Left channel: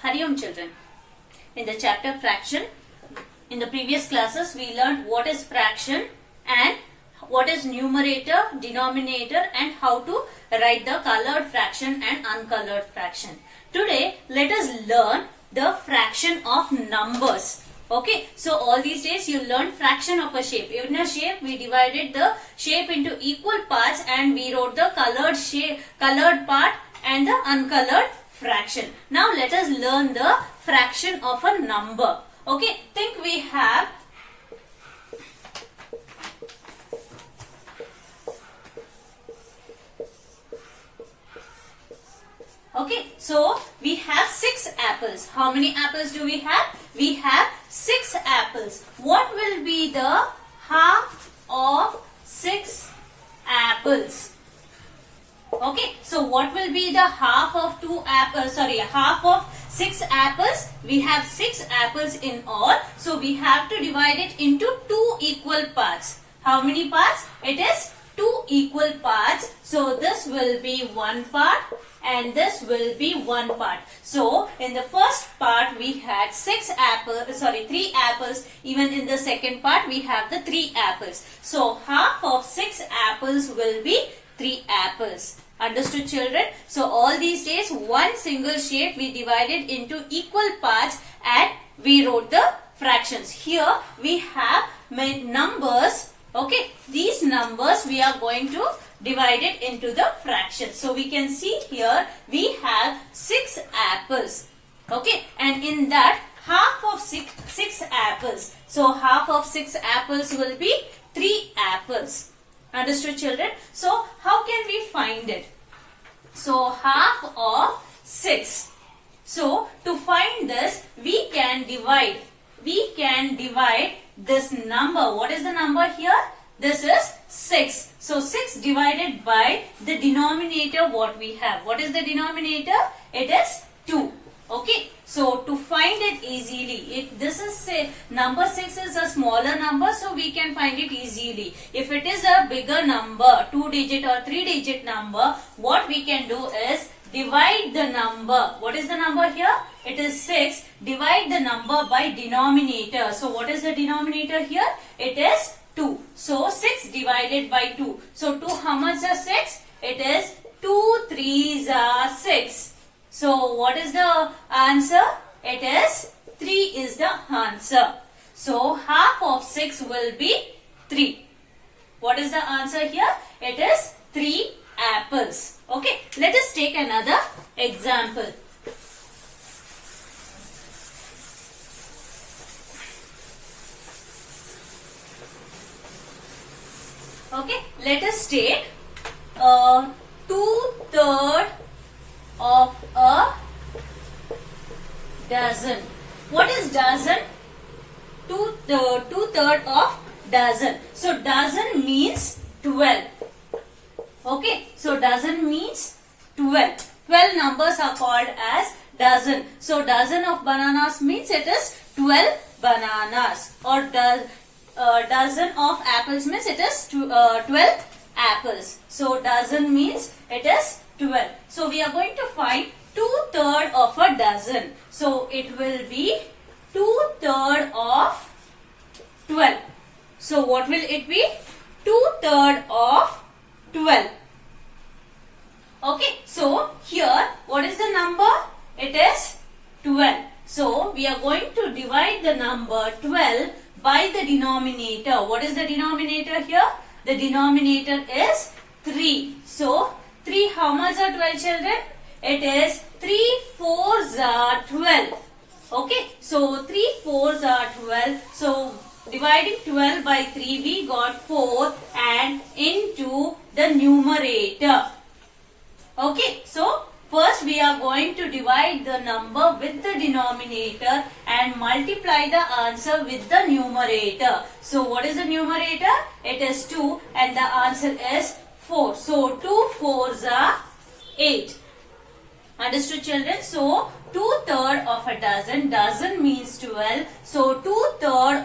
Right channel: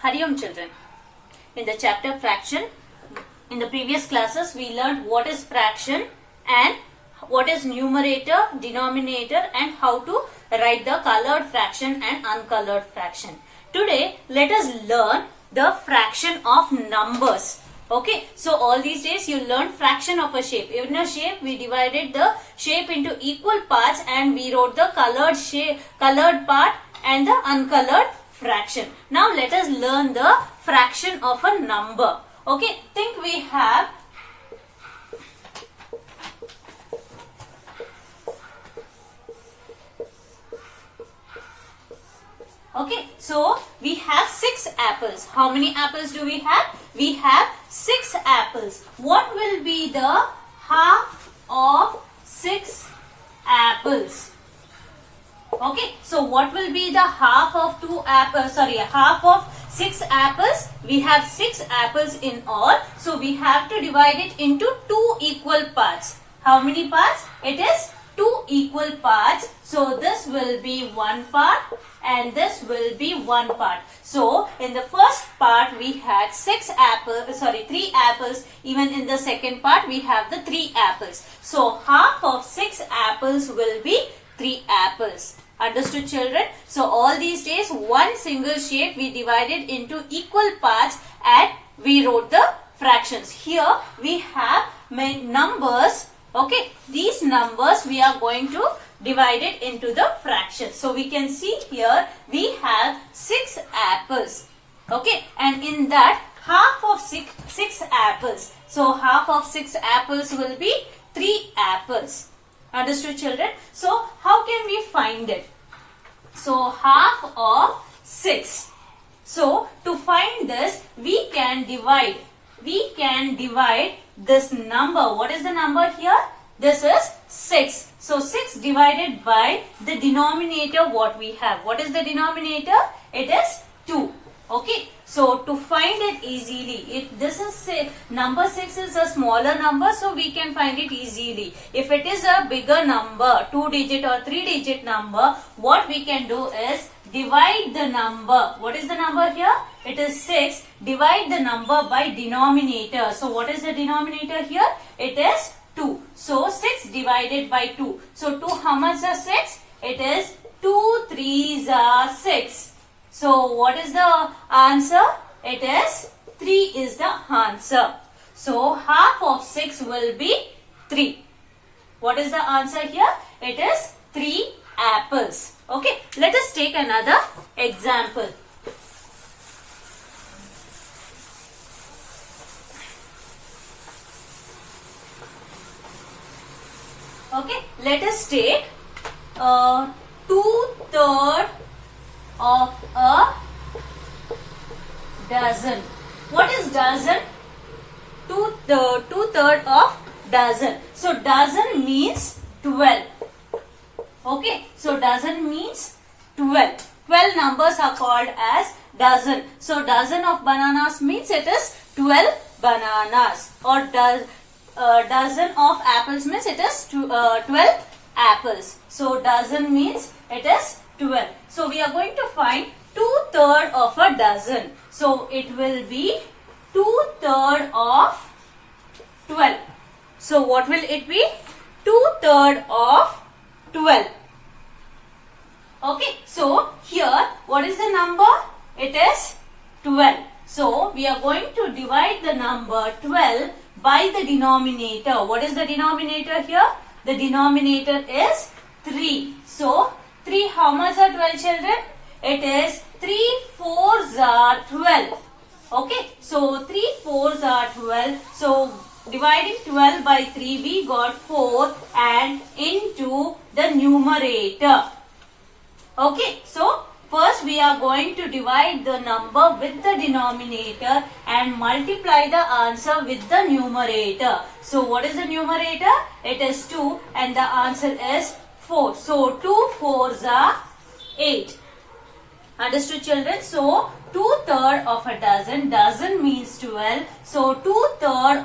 Hari children. In the chapter fraction, in the previous classes we learned what is fraction and what is numerator, denominator and how to write the colored fraction and uncolored fraction. Today let us learn the fraction of numbers. Okay, so all these days you learned fraction of a shape. In a shape we divided the shape into equal parts and we wrote the colored part and the uncolored fraction. Now let us learn the fraction of a number. Okay, think we have so we have 6 apples. How many apples do we have? We have 6 apples. What will be the half of 6 apples? Okay, so what will be the half of half of 6 apples? We have 6 apples in all. So we have to divide it into 2 equal parts. How many parts? It is 2 equal parts. So this will be 1 part and this will be 1 part. So in the first part we had 3 apples. Even in the second part we have the 3 apples. So half of 6 apples will be 3 apples. Understood children? So all these days one single shape we divided into equal parts and we wrote the fractions. Here we have numbers. Okay, these numbers we are going to divide it into the fractions. So we can see here we have 6 apples. Okay, and in that half of 6 apples. So half of 6 apples will be 3 apples. Understood children? So how can we find it? So half of 6. So to find this we can divide. We can divide this number. What is the number here? This is 6. So 6 divided by the denominator what we have. What is the denominator? It is 2. Okay. So to find it easily, if this is number 6 is a smaller number, so we can find it easily. If it is a bigger number, 2-digit or 3-digit number, what we can do is divide the number. What is the number here? It is 6. Divide the number by denominator. So what is the denominator here? It is 2. So 6 divided by 2. So 2 how much are 6? It is 2 3s are 6. So what is the answer? It is 3 is the answer. So half of 6 will be 3. What is the answer here? It is 3 apples. Okay, let us take another example. Okay, let us take 2/3 of a dozen. What is dozen? 2/3 of dozen. So dozen means 12. Okay, so dozen means 12. 12 numbers are called as dozen. So dozen of bananas means it is 12 bananas. Or dozen of apples means it is 12 apples. So dozen means it is 12. So we are going to find 2/3 of a dozen. So it will be 2/3 of 12. So what will it be? 2/3 of 12. Okay, so here what is the number? It is 12. So we are going to divide the number 12 by the denominator. What is the denominator here? The denominator is 3. So 3 how much are 12 children? It is 3 4s are 12. Okay, so 3 4s are 12. So dividing 12 by 3 we got 4 and into the numerator. Okay, so first we are going to divide the number with the denominator and multiply the answer with the numerator. So what is the numerator? It is 2 and the answer is 4. So 2 4s are 8. Understood children? So 2/3 of a dozen. Dozen means 12. So 2/3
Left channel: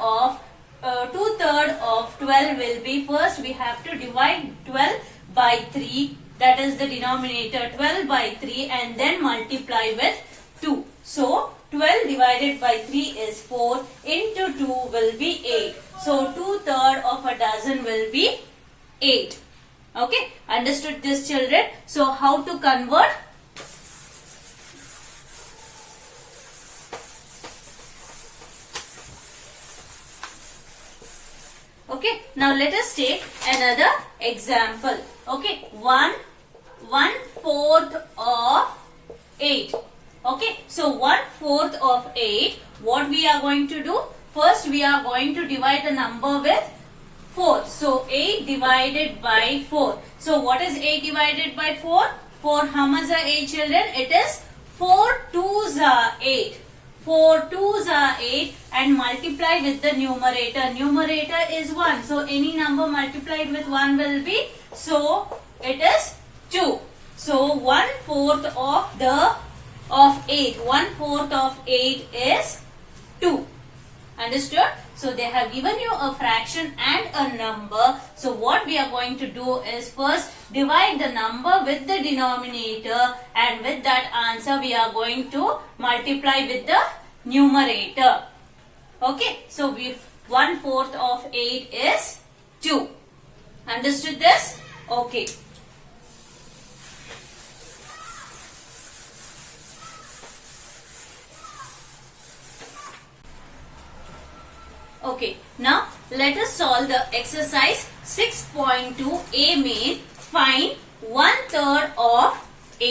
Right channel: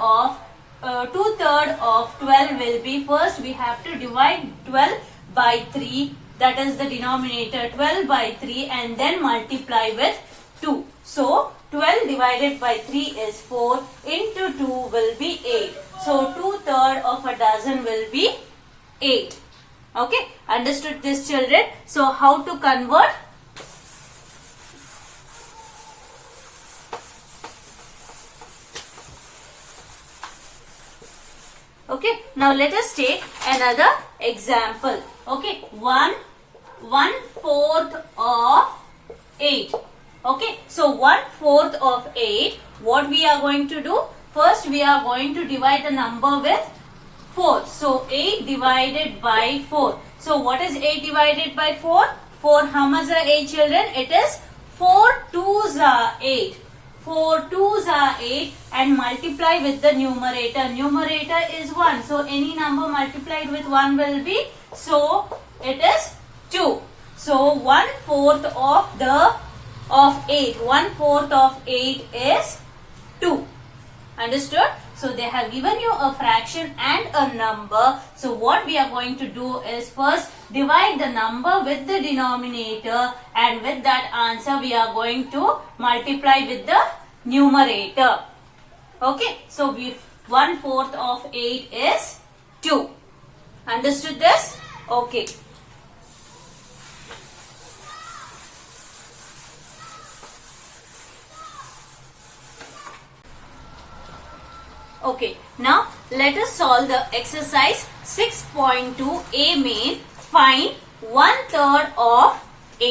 of 12 will be, first we have to divide 12 by 3. That is the denominator 12 by 3 and then multiply with 2. So 12 divided by 3 is 4, into 2 will be 8. So 2/3 of a dozen will be 8. Okay, understood this, children? So how to convert? Okay, now let us take another example. Okay, 1/4 of 8. Okay, so 1/4 of 8, what we are going to do? First, we are going to divide the number with 4. So 8 divided by 4. So what is 8 divided by 4? 4, how much are 8, children? It is 4 2s are 8. 4 2s are 8 and multiply with the numerator. Numerator is 1. So any number multiplied with 1 will be, so it is 2. So 1/4 of 8. 1/4 of 8 is 2. Understood? So they have given you a fraction and a number. So what we are going to do is first divide the number with the denominator, and with that answer we are going to multiply with the numerator. Okay, so 1/4 of 8 is 2. Understood this? Okay. Okay, now let us solve the exercise 6.2 A main. Find 1/3 of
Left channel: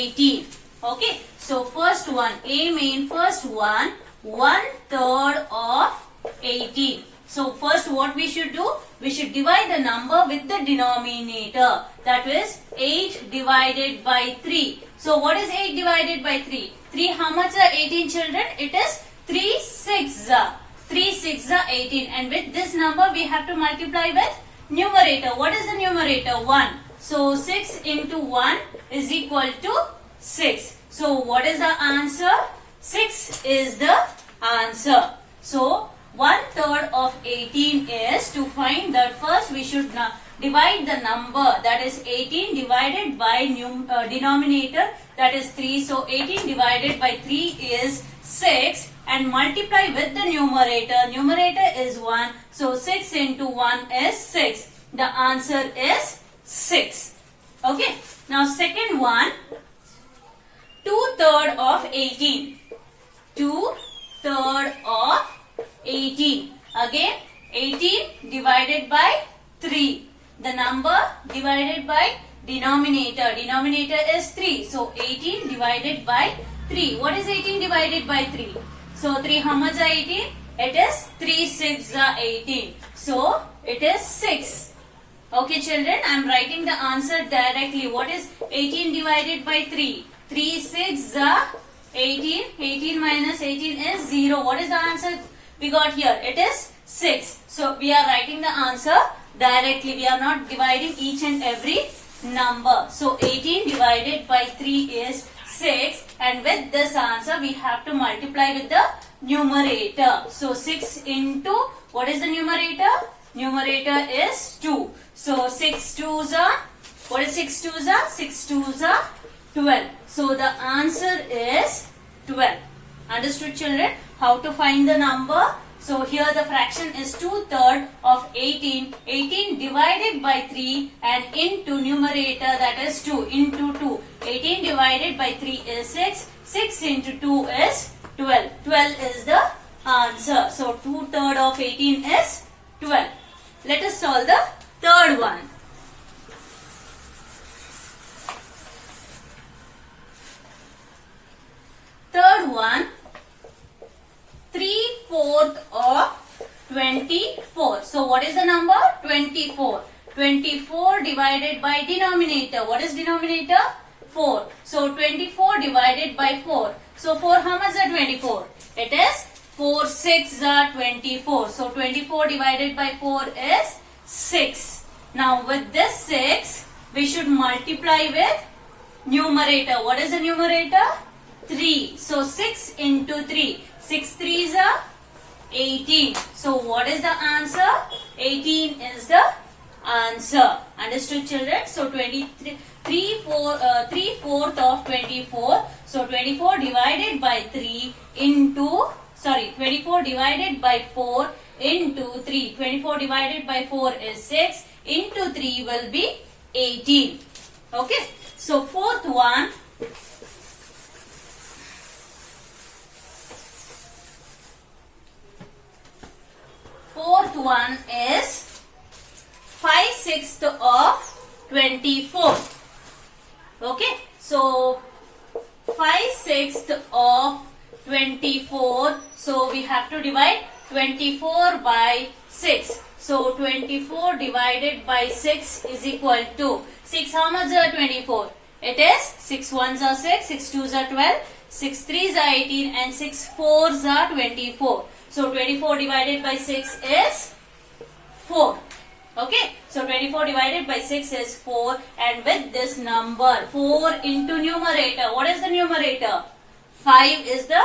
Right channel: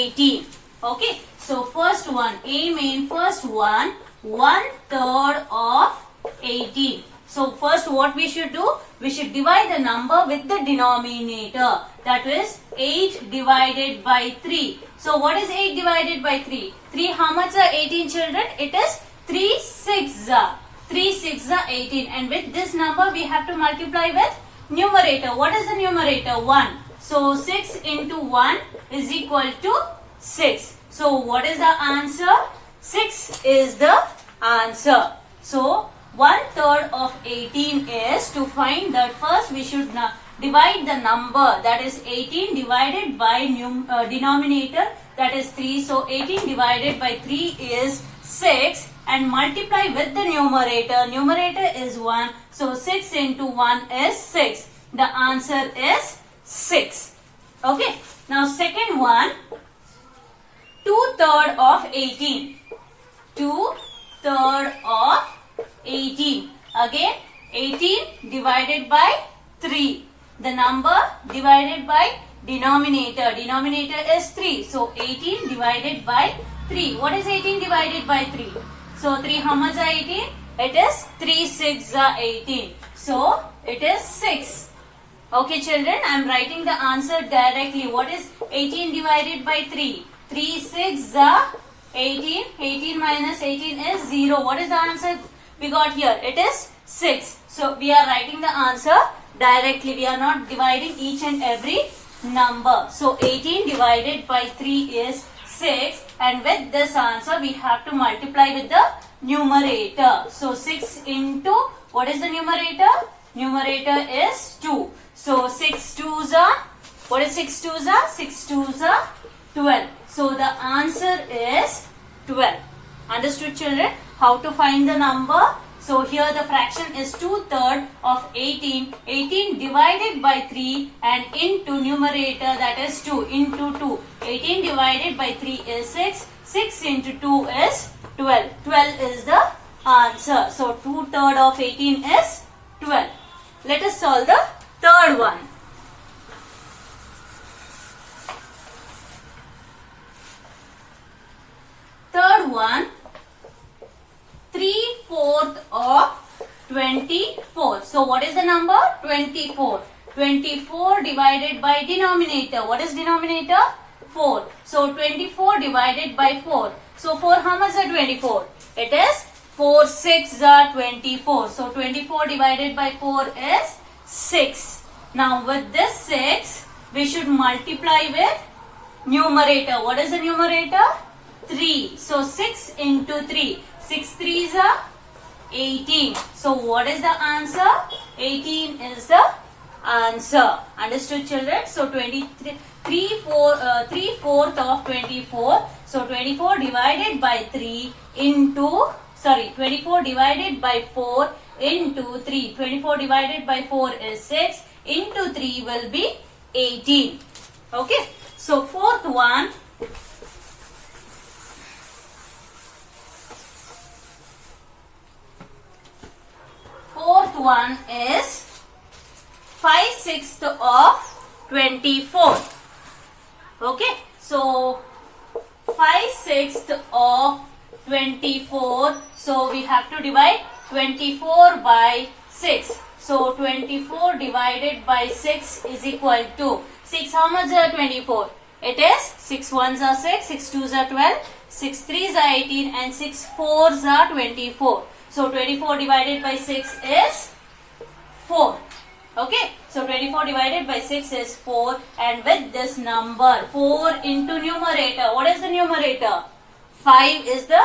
18. Okay, so first one, A main, first one, 1/3 of 18. So first what we should do? We should divide the number with the denominator. That is 8 divided by 3. So what is 8 divided by 3? 3, how much are 18, children? It is 3 6s are. 3 6 are 18, and with this number we have to multiply with numerator. What is the numerator? 1. So 6 into 1 is equal to 6. So what is the answer? 6 is the answer. So 1/3 of 18 is, to find that, first we should divide the number, that is 18 divided by denominator, that is 3. So 18 divided by 3 is 6. And multiply with the numerator. Numerator is 1. So 6 into 1 is 6. The answer is 6. Okay. Now second one. 2/3 of 18. 2/3 of 18. Again 18 divided by 3. The number divided by denominator. Denominator is 3. So 18 divided by 3. What is 18 divided by 3? So 3, how much are 18? It is 3 6 are 18. So it is 6. Okay, children, I am writing the answer directly. What is 18 divided by 3? 3 6 are 18. 18 minus 18 is 0. What is the answer we got here? It is 6. So we are writing the answer directly. We are not dividing each and every number. So 18 divided by 3 is 6, and with this answer we have to multiply with the numerator. So 6 into, what is the numerator? Numerator is 2. So 6 2s are, what is 6 2s are? 6 2s are 12. So the answer is 12. Understood, children? How to find the number? So here the fraction is 2/3 of 18. 18 divided by 3 and into numerator, that is 2, into 2. 18 divided by 3 is 6. 6 into 2 is 12. 12 is the answer. So 2/3 of 18 is 12. Let us solve the third one. Third one. 3/4 of 24. So what is the number? 24. 24 divided by denominator. What is denominator? 4. So 24 divided by 4. So 4, how much are 24? It is 4 6 are 24. So 24 divided by 4 is 6. Now with this 6, we should multiply with numerator. What is the numerator? 3. So 6 into 3. 6 3s are 18. So what is the answer? 18 is the answer. Understood, children? So 3/4 of 24. So 24 divided by 3 into, 24 divided by 4 into 3. 24 divided by 4 is 6. Into 3 will be 18. Okay. So fourth one. Fourth one is 5/6 of 24. Okay. So 5/6 of 24. So we have to divide 24 by 6. So 24 divided by 6 is equal to 6. How much are 24? It is 6 ones are 6, 6 twos are 12, 6 threes are 18 and 6 fours are 24. So 24 divided by 6 is 4. Okay. So 24 divided by 6 is 4, and with this number 4 into numerator. What is the numerator? 5 is the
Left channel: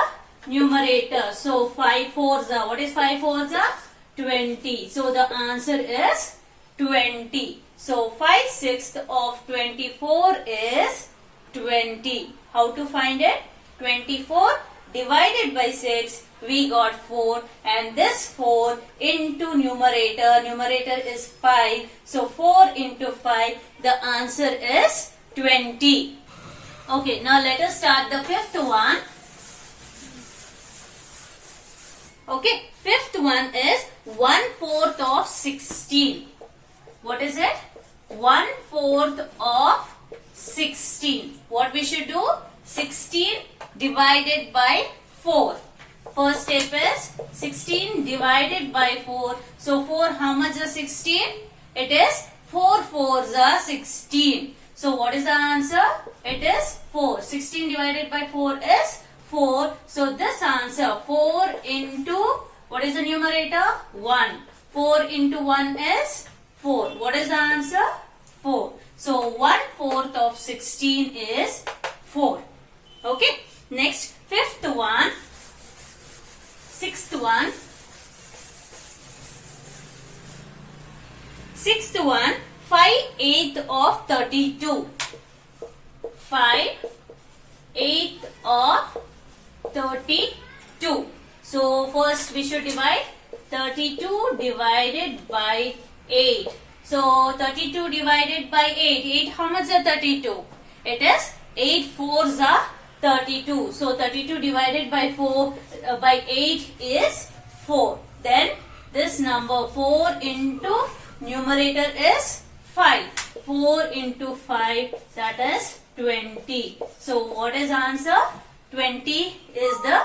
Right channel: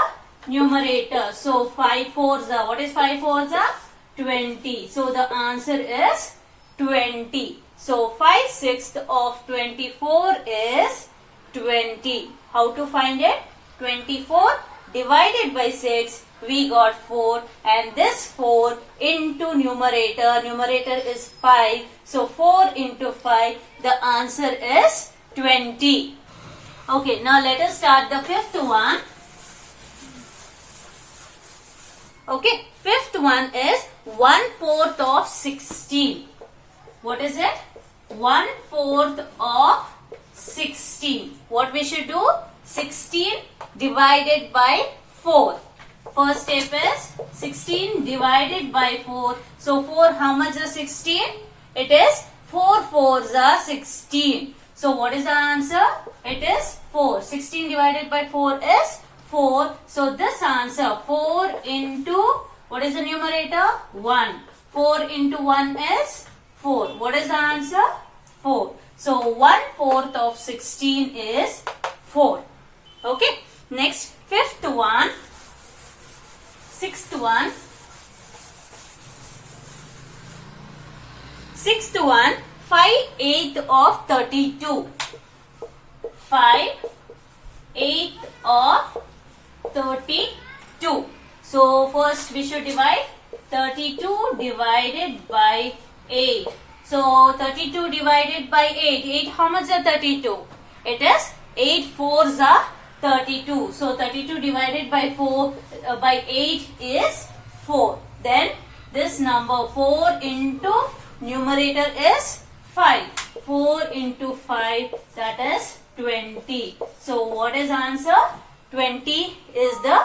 numerator. So 5 fours are, what is 5 fours are? 20. So the answer is 20. So 5/6 of 24 is 20. How to find it? 24 divided by 6, we got 4, and this 4 into numerator. Numerator is 5. So 4 into 5, the answer is 20. Okay, now let us start the fifth one. Okay, fifth one is 1/4 of 16. What is it? 1/4 of 16. What we should do? 16 divided by 4. First step is 16 divided by 4. So 4, how much is 16? It is 4 fours are 16. So what is the answer? It is 4. 16 divided by 4 is 4. So this answer 4 into, what is the numerator? 1. 4 into 1 is 4. What is the answer? 4. So 1/4 of 16 is 4. Okay. Next, fifth one. Sixth one. Sixth one, 5/8 of 32. 5/8 of 32. So first we should divide 32 divided by 8. So 32 divided by 8. 8, how much is 32? It is 8 fours are 32. So 32 divided by 8 is 4. Then this number 4 into numerator is 5. 4 into 5, that is 20. So what is answer? 20 is the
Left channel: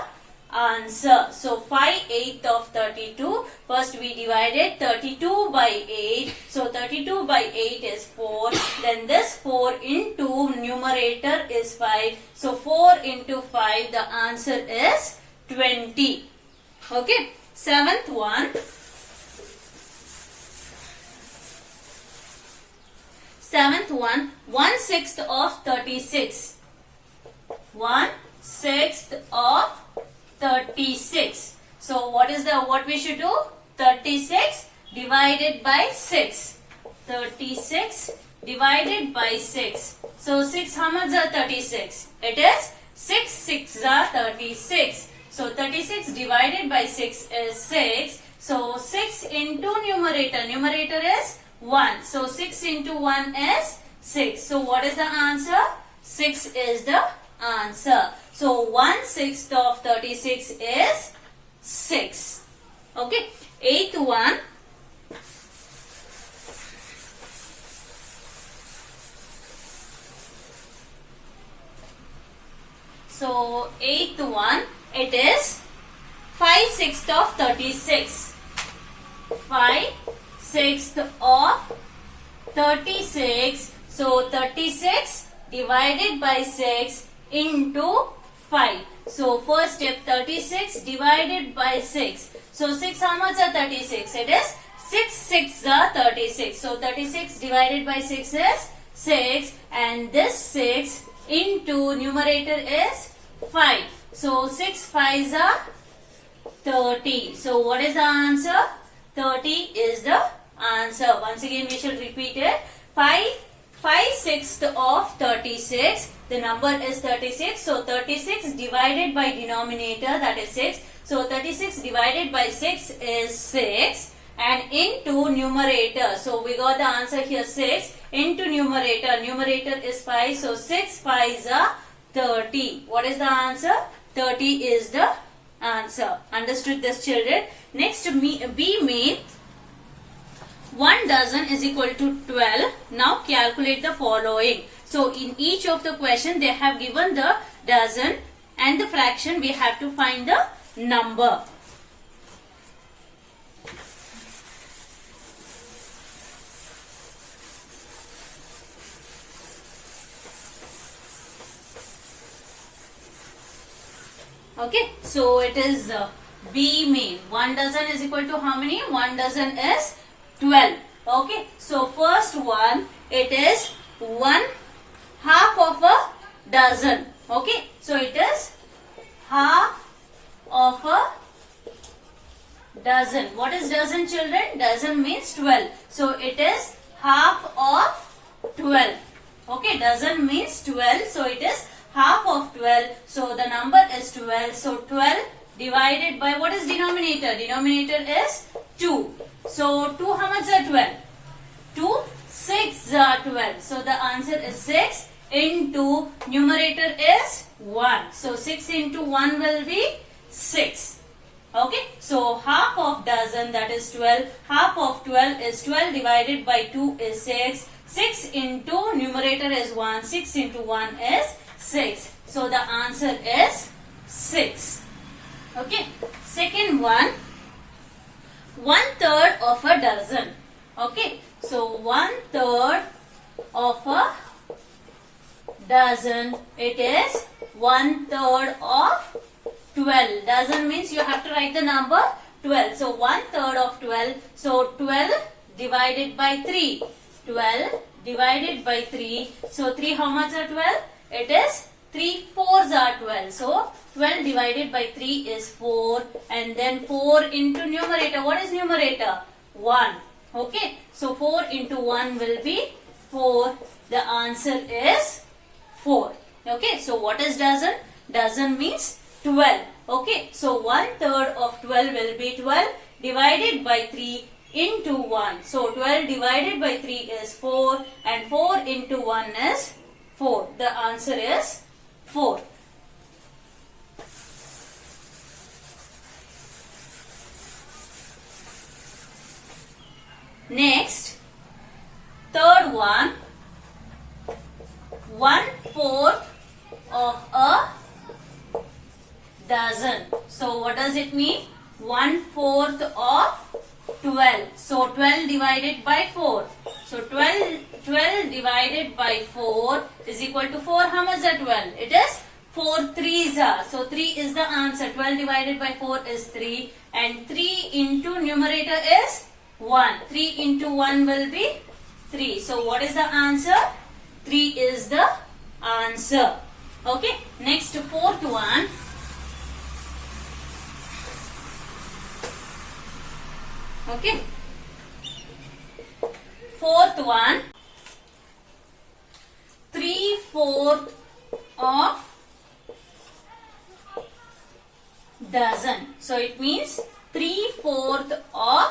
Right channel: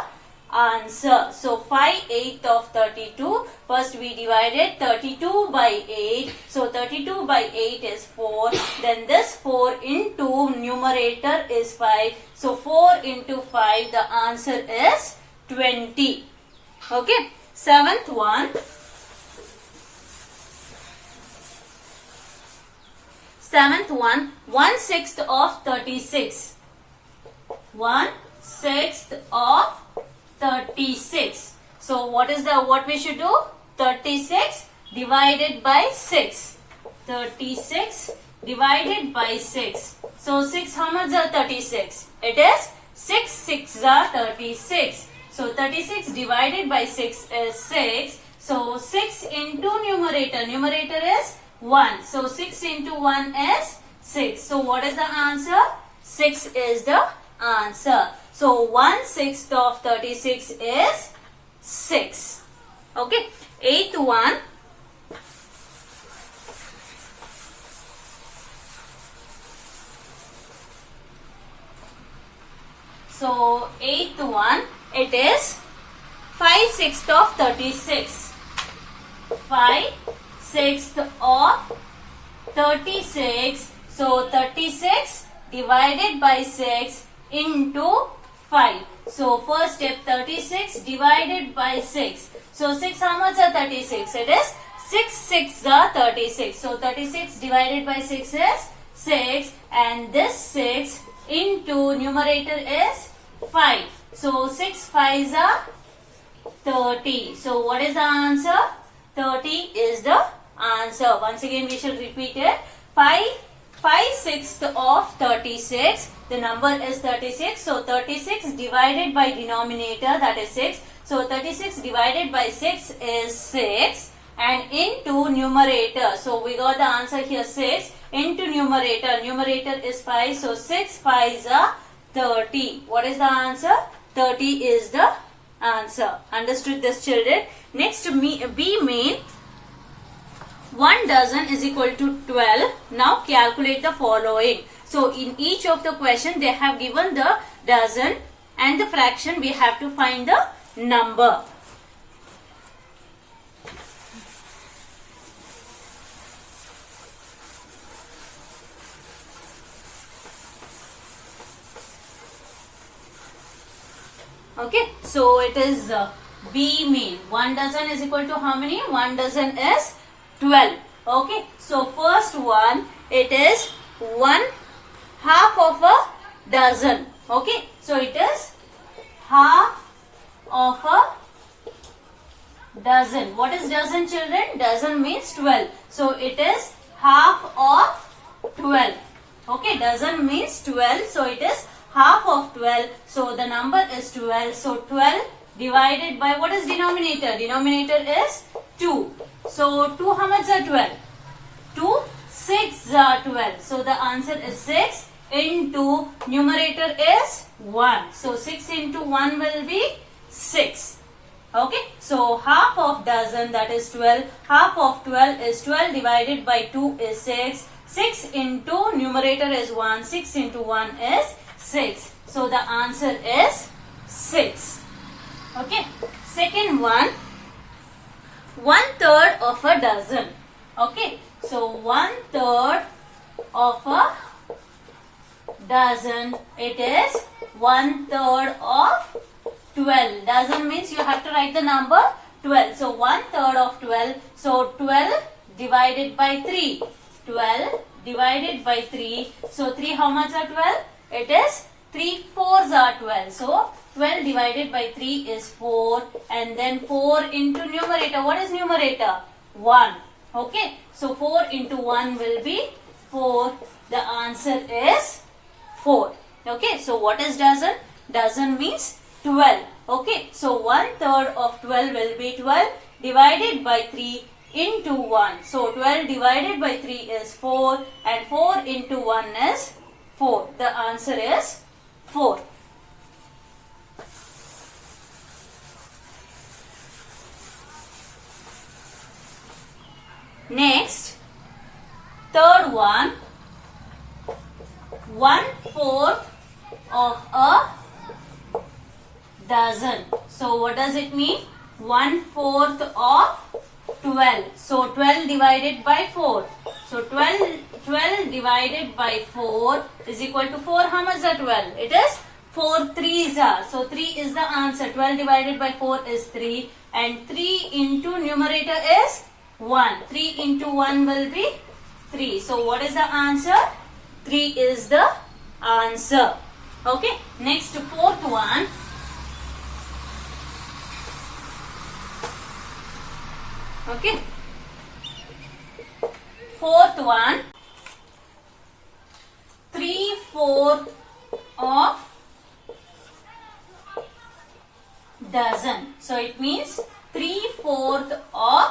answer. So 5/8 of 32. First we divided 32 by 8. So 32 by 8 is 4. Then this 4 into numerator is 5. So 4 into 5, the answer is 20. Okay. Seventh one. Seventh one, 1/6 of 36. 1/6 of 36. So what we should do? 36 divided by 6. 36 divided by 6. So 6, how much are 36? It is 6 6 are 36. So 36 divided by 6 is 6. So 6 into numerator. Numerator is 1. So 6 into 1 is 6. So what is the answer? 6 is the answer. So 1/6 of 36 is 6. Okay. Eighth one. So eighth one, it is 5/6 of 36. 5/6 of 36. So 36 divided by 6 into 5. So first step, 36 divided by 6. So 6, how much are 36? It is 6 6 are 36. So 36 divided by 6 is 6, and this 6 into numerator is 5. So 6 5s are 30. So what is the answer? 30 is the answer. Once again we shall repeat it. 5 5/6 of 36. The number is 36. So 36 divided by denominator, that is 6. So 36 divided by 6 is 6. And into numerator. So we got the answer here 6. Into numerator. Numerator is 5. So 6 5s are 30. What is the answer? 30 is the answer. Understood this, children? Next, B main. 1 dozen is equal to 12. Now calculate the following. So in each of the question they have given the dozen and the fraction. We have to find the number. Okay, so it is B main. 1 dozen is equal to how many? 1 dozen is 12. Okay, so first one, it is 1/2 of a dozen. Okay, so it is half of a dozen. What is dozen, children? Dozen means 12. So it is half of 12. Okay, dozen means 12. So it is half of 12. So the number is 12. So 12 divided by, what is denominator? Denominator is 2. So 2, how much are 12? 2 6 are 12. So the answer is 6 into numerator is 1. So 6 into 1 will be 6. Okay. So half of dozen, that is 12. Half of 12 is 12 divided by 2 is 6. 6 into numerator is 1. 6 into 1 is 6. So the answer is 6. Okay. Second one, 1/3 of a dozen. Okay. So 1/3 of a dozen, it is 1/3 of 12. Dozen means you have to write the number 12. So 1/3 of 12. So 12 divided by 3. 12 divided by 3. So 3, how much are 12? It is 3 4s are 12. So 12 divided by 3 is 4. And then 4 into numerator. What is numerator? 1. Okay. So 4 into 1 will be 4. The answer is 4. Okay. So what is dozen? Dozen means 12. Okay. So 1/3 of 12 will be 12 divided by 3 into 1. So 12 divided by 3 is 4 and 4 into 1 is 4. The answer is 4. Next, third one, 1/4 of a dozen. So what does it mean? 1/4 of 12. So 12 divided by 4. So 12 divided by 4 is equal to 4. How much is 12? It is 4 3s are. So 3 is the answer. 12 divided by 4 is 3. And 3 into numerator is 1. 3 into 1 will be 3. So what is the answer? 3 is the answer. Okay. Next, fourth one. Okay. Fourth one. 3/4 of dozen. So it means 3/4 of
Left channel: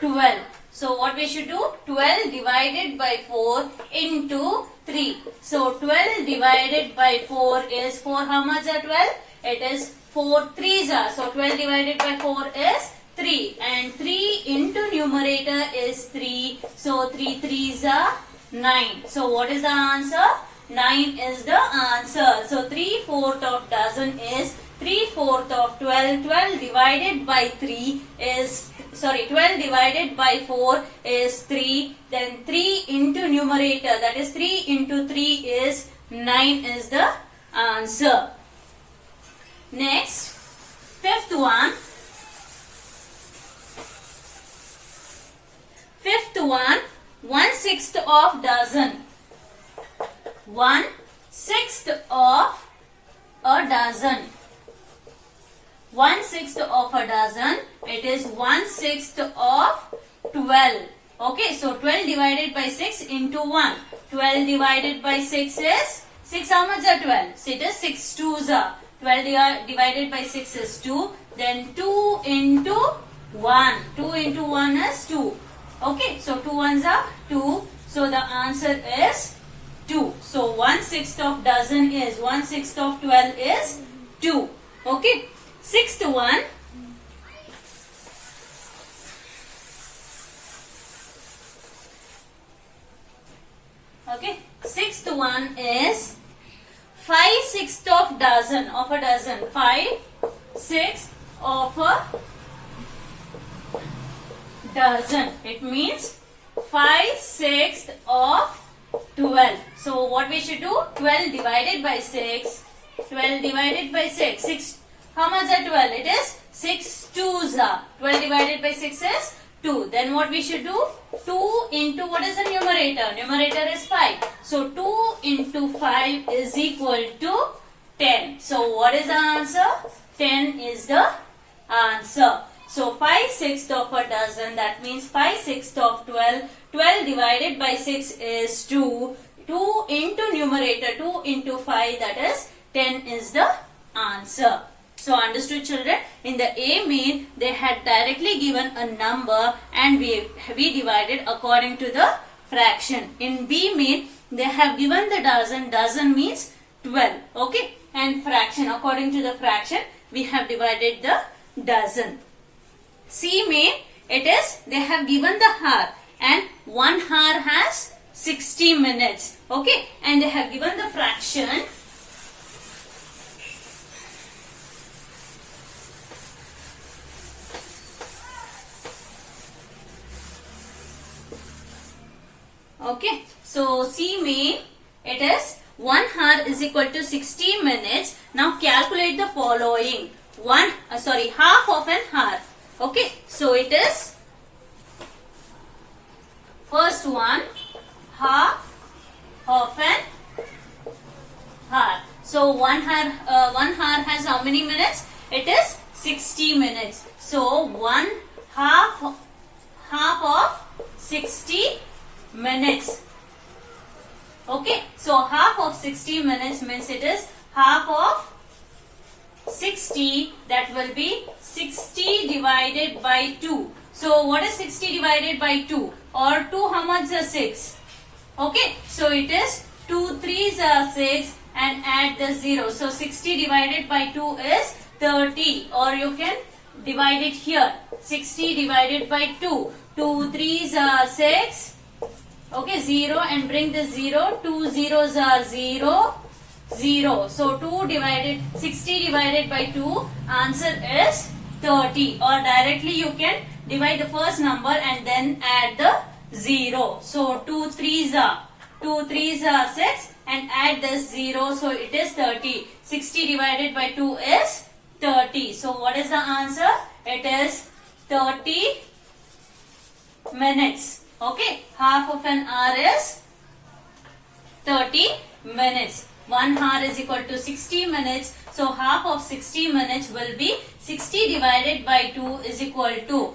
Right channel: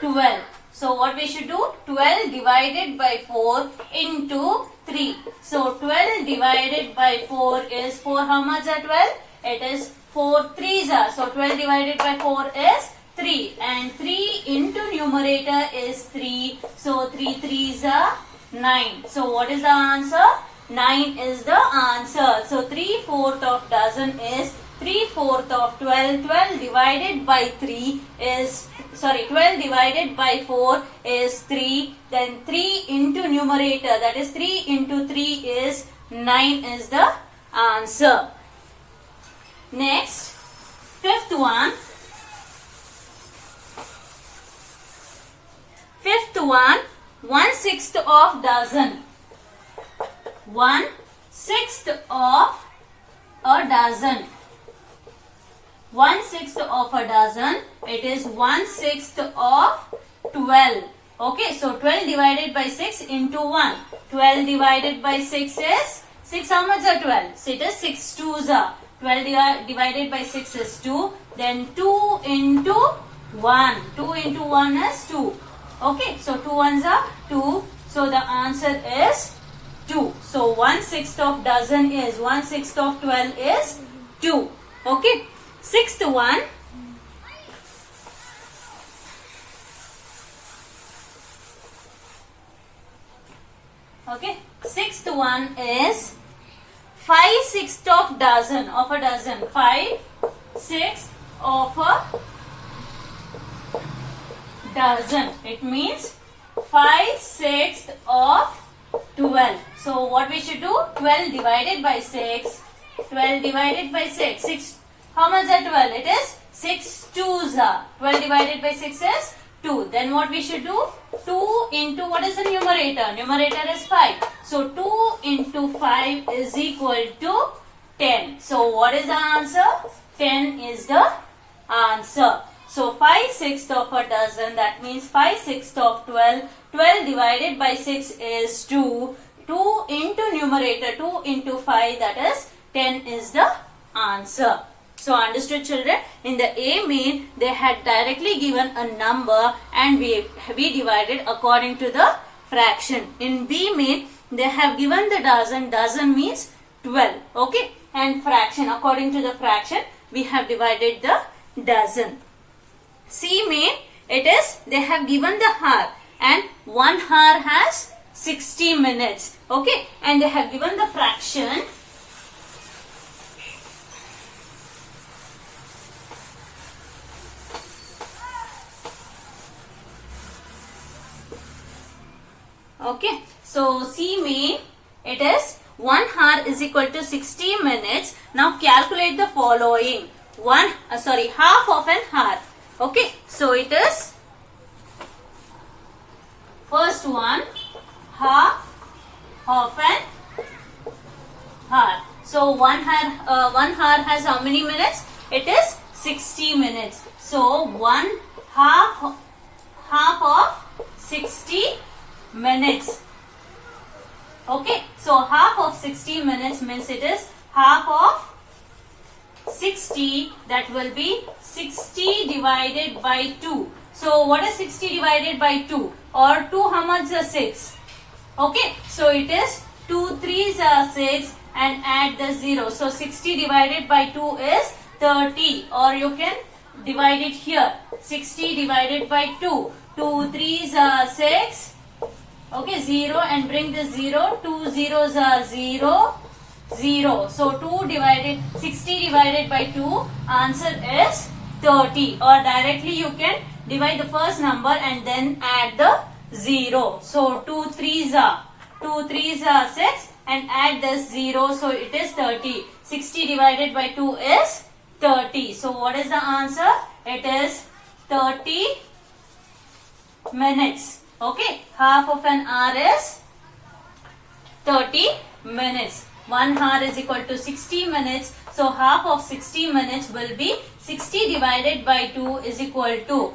12. So what we should do? 12 divided by 4 into 3. So 12 divided by 4 is 4. How much are 12? It is 4 3s are. So 12 divided by 4 is 3. And 3 into numerator is 3. So 3 3s are 9. So what is the answer? 9 is the answer. So 3/4 of dozen is 3/4 of 12. 12 divided by 3 is, 12 divided by 4 is 3. Then 3 into numerator, that is 3 into 3 is 9 is the answer. Next, fifth one. Fifth one, 1/6 of dozen. 1/6 of a dozen. 1/6 of a dozen. It is 1/6 of 12. Okay, so 12 divided by 6 into 1. 12 divided by 6 is 6. How much are 12? So it is 6 twos are 12 divided by 6 is 2. Then 2 into 1. 2 into 1 is 2. Okay, so 2 ones are 2. So the answer is 2. So 1/6 of dozen is 1/6 of 12 is 2. Okay, sixth one. Okay, sixth one is 5/6 of dozen of a dozen. 5/6 of a dozen. It means 5/6 of 12. So what we should do? 12 divided by 6. 12 divided by 6. 6. How much are 12? It is 6 twos are. 12 divided by 6 is 2. Then what we should do? 2 into what is the numerator? Numerator is 5. So 2 into 5 is equal to 10. So what is the answer? 10 is the answer. So 5/6 of a dozen, that means 5/6 of 12. 12 divided by 6 is 2. 2 into numerator, 2 into 5, that is 10 is the answer. So understood, children? In the A main, they had directly given a number and we divided according to the fraction. In B main, they have given the dozen. Dozen means 12. Okay? And fraction, according to the fraction, we have divided the dozen. C main, it is, they have given the hour and 1 hour has 60 minutes. Okay? And they have given the fraction. Okay, so C main, it is 1 hour is equal to 60 minutes. Now calculate the following. Half of an hour. Okay, so it is first one, half of an hour. So 1 hour has how many minutes? It is 60 minutes. So 1 half of 60 minutes. Okay, so half of 60 minutes means it is half of 60, that will be 60 divided by 2. So what is 60 divided by 2? Or 2 how much is 6? Okay, so it is 2 3s are 6 and add the 0. So 60 divided by 2 is 30, or you can divide it here. 60 divided by 2. 2 3s are 6. Okay, 0 and bring the 0. 2 zeros are 0. 0. So 60 divided by 2, answer is 30. Or directly you can divide the first number and then add the 0. So 2 3s are 6 and add the 0. So it is 30. 60 divided by 2 is 30. So what is the answer? It is 30 minutes. Okay, half of an hour is 30 minutes. 1 hour is equal to 60 minutes. So half of 60 minutes will be 60 divided by 2 is equal to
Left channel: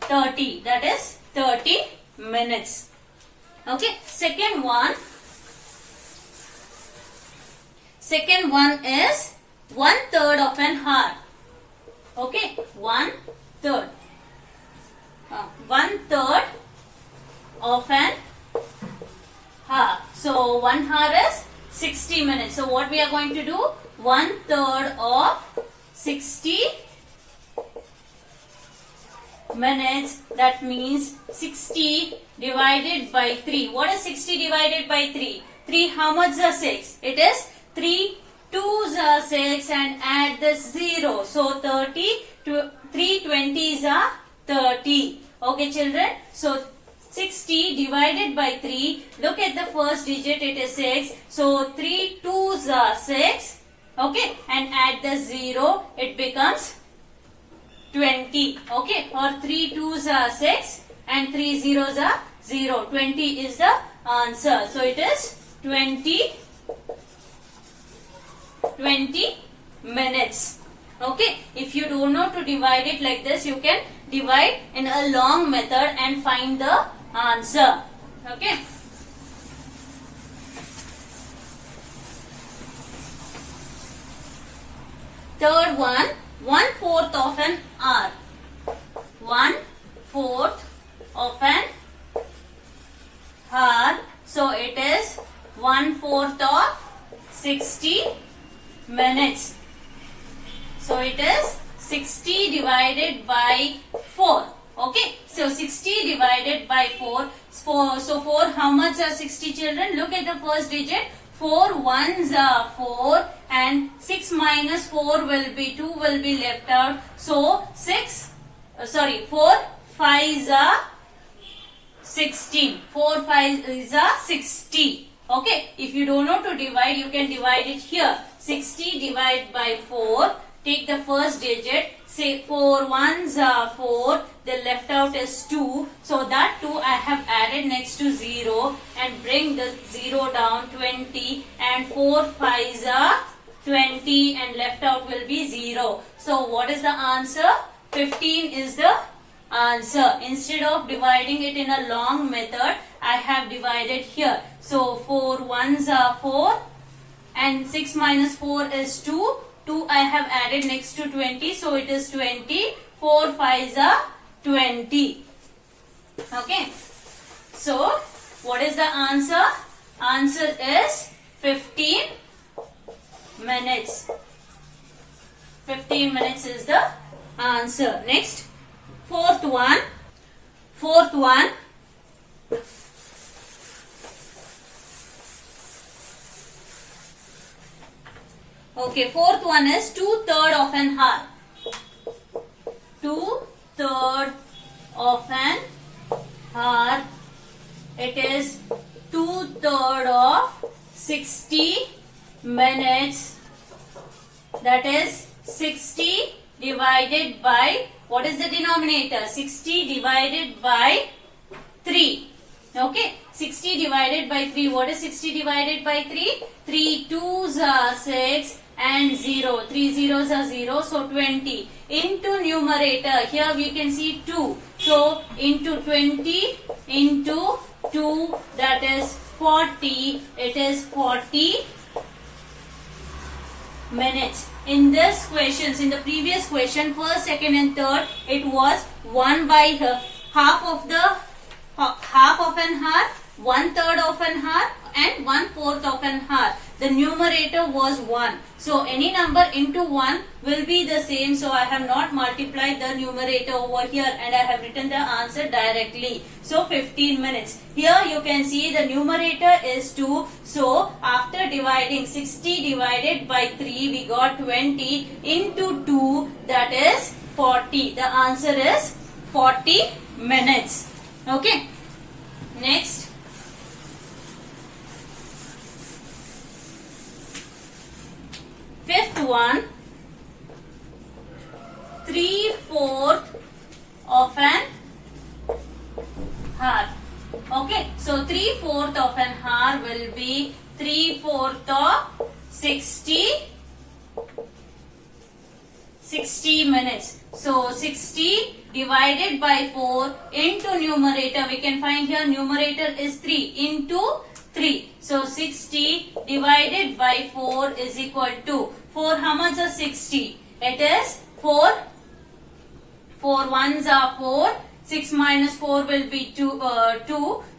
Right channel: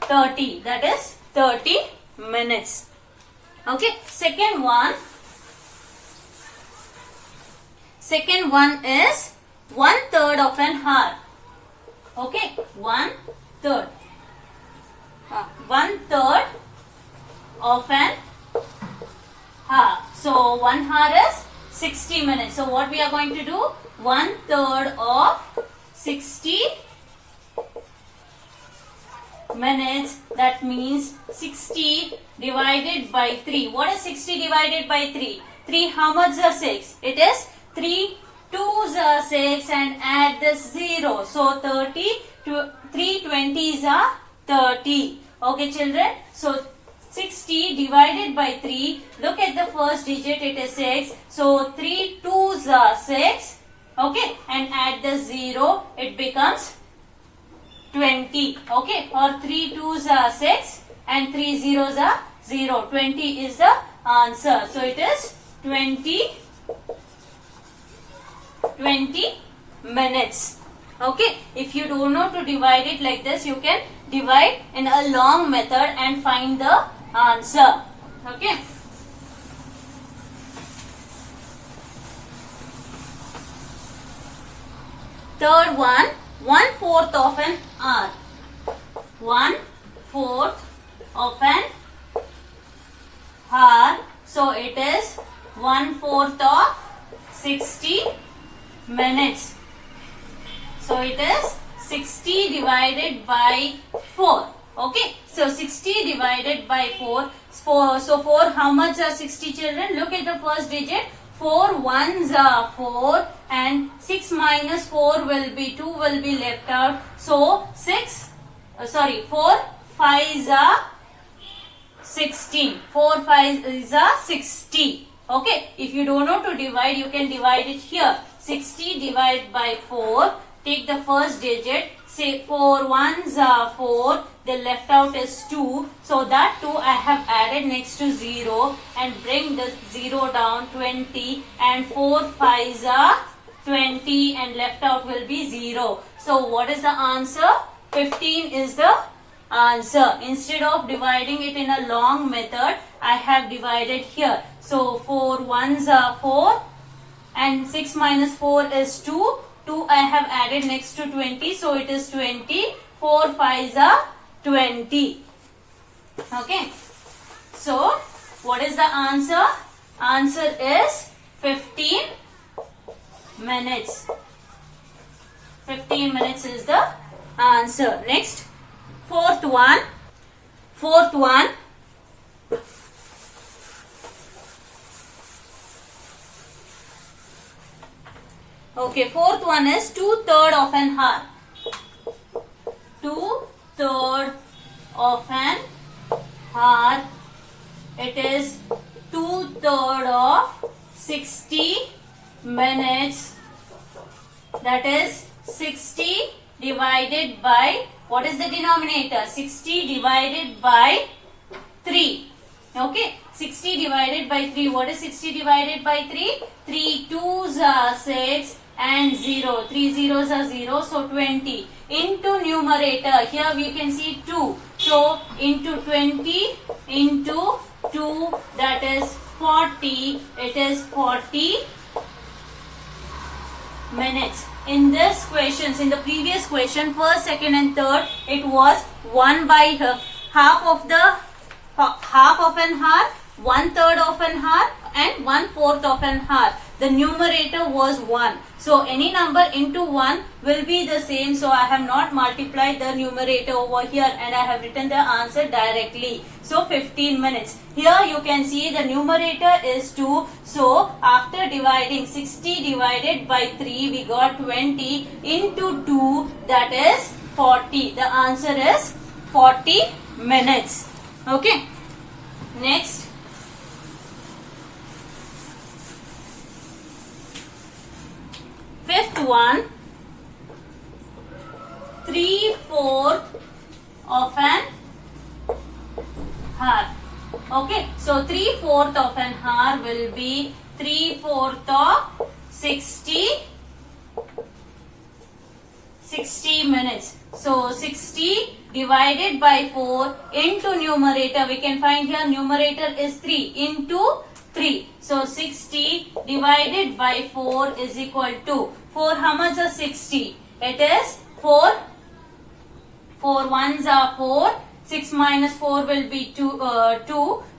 30. That is 30 minutes. Okay, second one is 1/3 of an hour. Okay, 1/3. 1/3 of an hour. So 1 hour is 60 minutes. So what we are going to do? 1/3 of 60 minutes. That means 60 divided by 3. What is 60 divided by 3? 3 how much is 6? It is 3 2s are 6 and add this 0. So 30 to 3 20s are 30. Okay, children. So 60 divided by 3. Look at the first digit. It is 6. So 3 2s are 6. Okay. And add the 0. It becomes 20. Okay. Or 3 2s are 6 and 3 zeros are 0. 20 is the answer. So it is 20 minutes. Okay. If you don't know to divide it like this, you can divide in a long method and find the answer. Okay. Third one, 1/4 of an hour. 1/4 of an hour. So it is 1/4 of 60 minutes. So it is 60 divided by 4. Okay. So 60 divided by 4. So 4, how much are 60 children? Look at the first digit. 4 ones are 4 and 6 minus 4 will be 2 will be left out. So 4 5s are 16. 4 5s are 60. Okay. If you don't know to divide, you can divide it here. 60 divided by 4. Take the first digit. Say 4 ones are 4. The left out is 2. So that 2 I have added next to 0 and bring the 0 down 20 and 4 5s are 20 and left out will be 0. So what is the answer? 15 is the answer. Instead of dividing it in a long method, I have divided here. So 4 ones are 4 and 6 minus 4 is 2. 2 I have added next to 20. So it is 20. 4 5s are 20. Okay. So what is the answer? Answer is 15 minutes. 15 minutes is the answer. Next, fourth one. Okay, fourth one is 2/3 of an hour. 2/3 of an hour. It is 2/3 of 60 minutes. That is 60 divided by, what is the denominator? 60 divided by 3. Okay, 60 divided by 3. What is 60 divided by 3? 3 2s are 6 and 0. 3 zeros are 0. So 20. Into numerator, here we can see 2. So into 20 into 2, that is 40. It is 40 minutes. In this questions, in the previous question, first, second and third, it was 1 by half of an hour, 1/3 of an hour and 1/4 of an hour. The numerator was 1. So any number into 1 will be the same. So I have not multiplied the numerator over here and I have written the answer directly. So 15 minutes. Here you can see the numerator is 2. So after dividing 60 divided by 3, we got 20 into 2, that is 40. The answer is 40 minutes. Okay. Next. Fifth one, 3/4 of an hour. Okay, so 3/4 of an hour will be 3/4 of 60 minutes. So 60 divided by 4 into numerator, we can find here numerator is 3 into 3. So 60 divided by 4 is equal to 4. How much are 60? It is 4. 4 ones are 4. 6 minus 4 will be 2.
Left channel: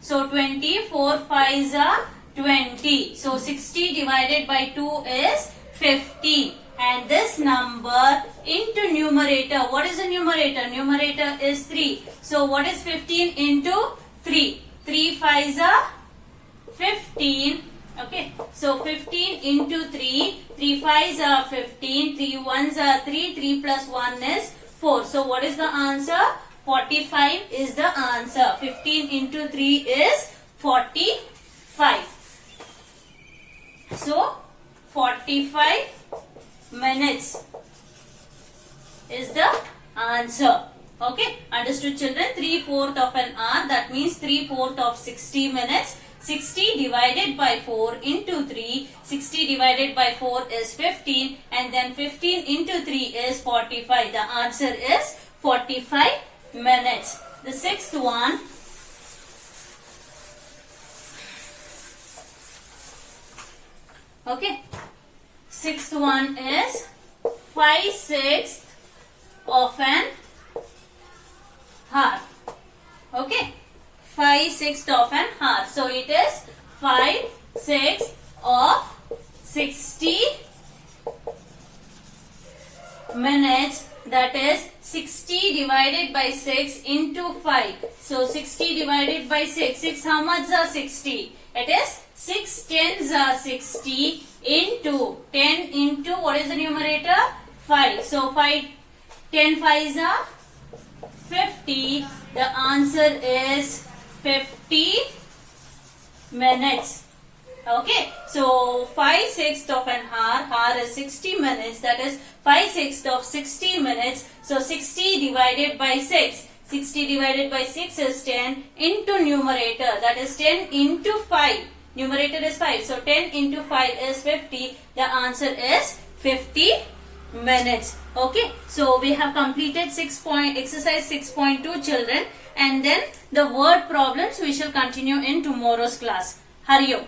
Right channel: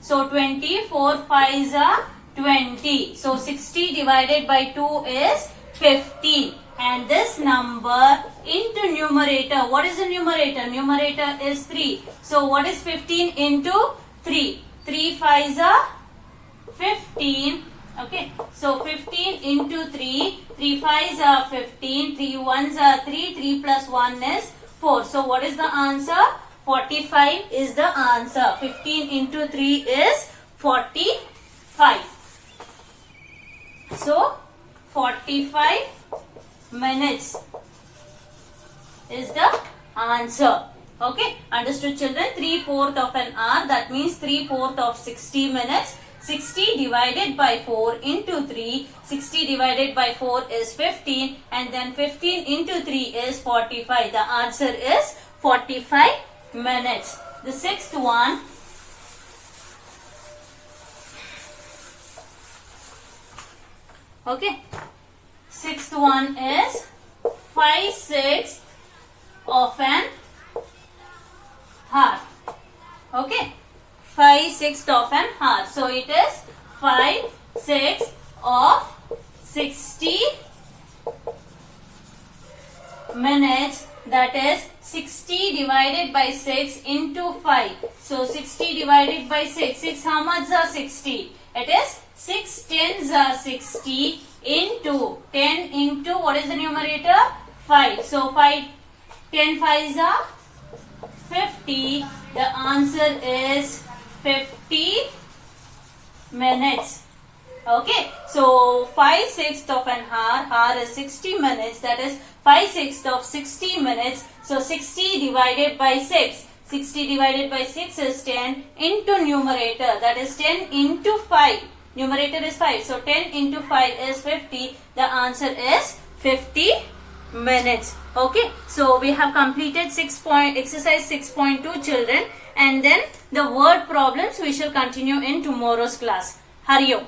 So 20. 4 5s are 20. So 60 divided by 2 is 15. And this number into numerator. What is the numerator? Numerator is 3. So what is 15 into 3? 3 5s are 15. Okay. So 15 into 3. 3 5s are 15. 3 1s are 3. 3 plus 1 is 4. So what is the answer? 45 is the answer. 15 into 3 is 45. So 45 minutes is the answer. Okay. Understood, children? 3/4 of an hour. That means 3/4 of 60 minutes. 60 divided by 4 into 3. 60 divided by 4 is 15. And then 15 into 3 is 45. The answer is 45 minutes. The sixth one. Okay. Sixth one is 5/6 of an hour. Okay, 5/6 of an hour. So it is 5/6 of 60 minutes. That is 60 divided by 6 into 5. So 60 divided by 6. 6 how much are 60? It is 6 tens are 60 into 10 into what is the numerator? 5. So 5 10 5s are 50. The answer is 50 minutes. Okay, so 5/6 of an hour is 60 minutes. That is 5/6 of 60 minutes. So 60 divided by 6. 60 divided by 6 is 10 into numerator. That is 10 into 5. Numerator is 5. So 10 into 5 is 50. The answer is 50 minutes. Okay, so we have completed exercise 6.2 children, and then the word problems we shall continue in tomorrow's class. Hari Om.